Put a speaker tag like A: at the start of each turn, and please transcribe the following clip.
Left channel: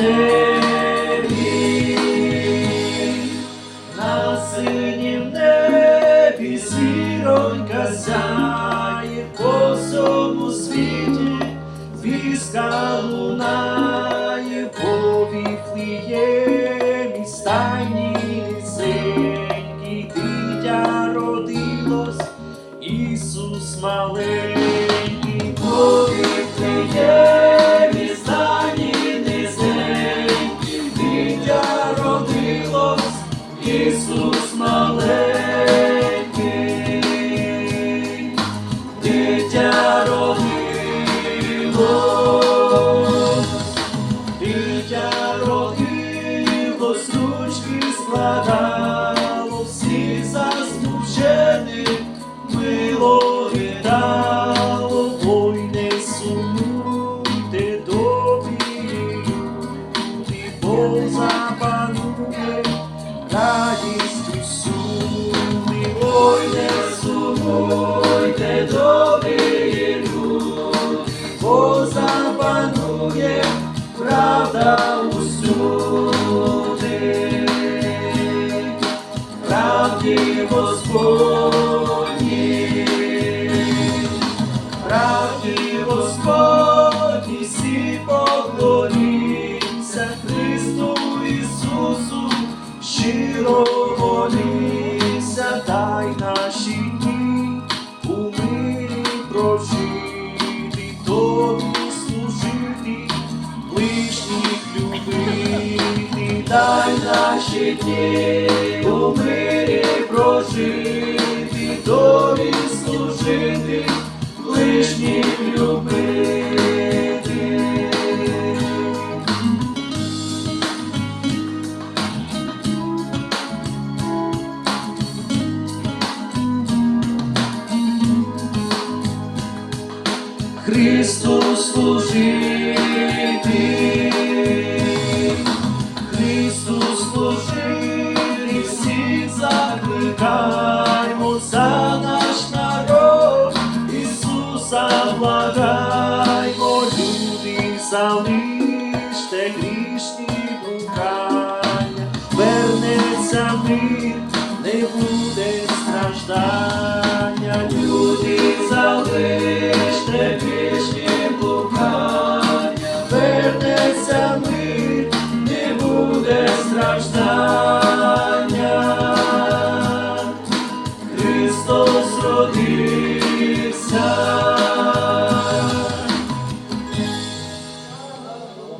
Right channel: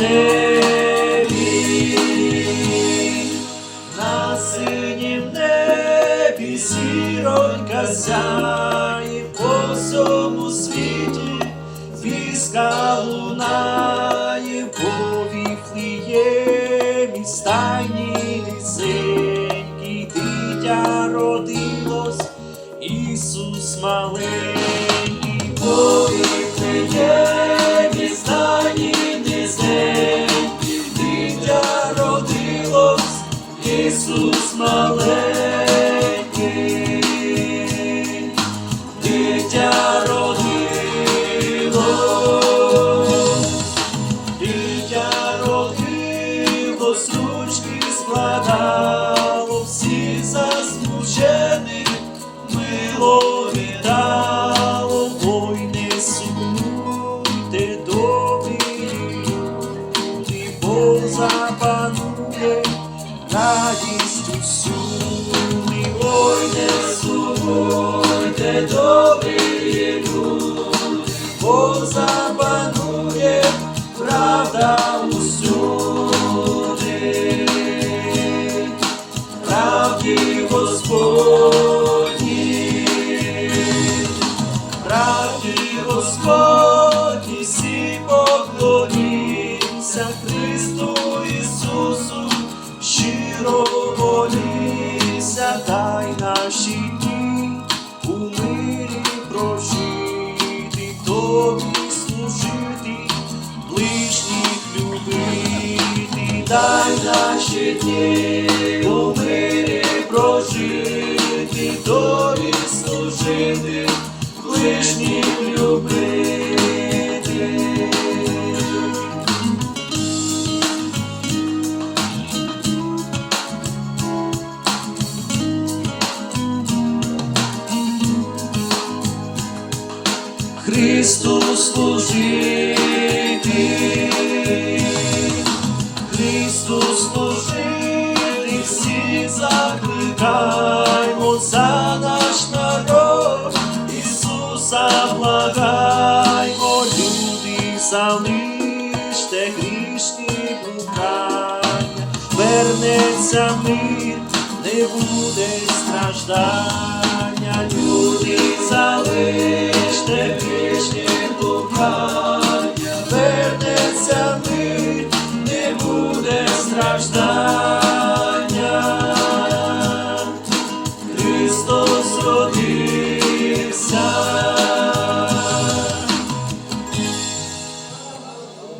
A: небі, на синім небі зіронька сяє по всьому світі, віска лунає по стайні низенький дитя родилось, Ісус маленький, дитя родилось, дитя родилось, ручки складало, всі засмучені, радість усюди, ой, не сумуйте, добрі люди, бо запанує правда усюди, правді Господні, правді Господні, всі щиро дай наші дні. У мирі прожити, тобі служити, ближніх любити, дай наші дні у мирі прожити, Христу служити, Христу служити, всі закликаймо за наш народ, Ісуса благаймо, люди залиште грішні блукання, вернеться мир, не буде страждання, love.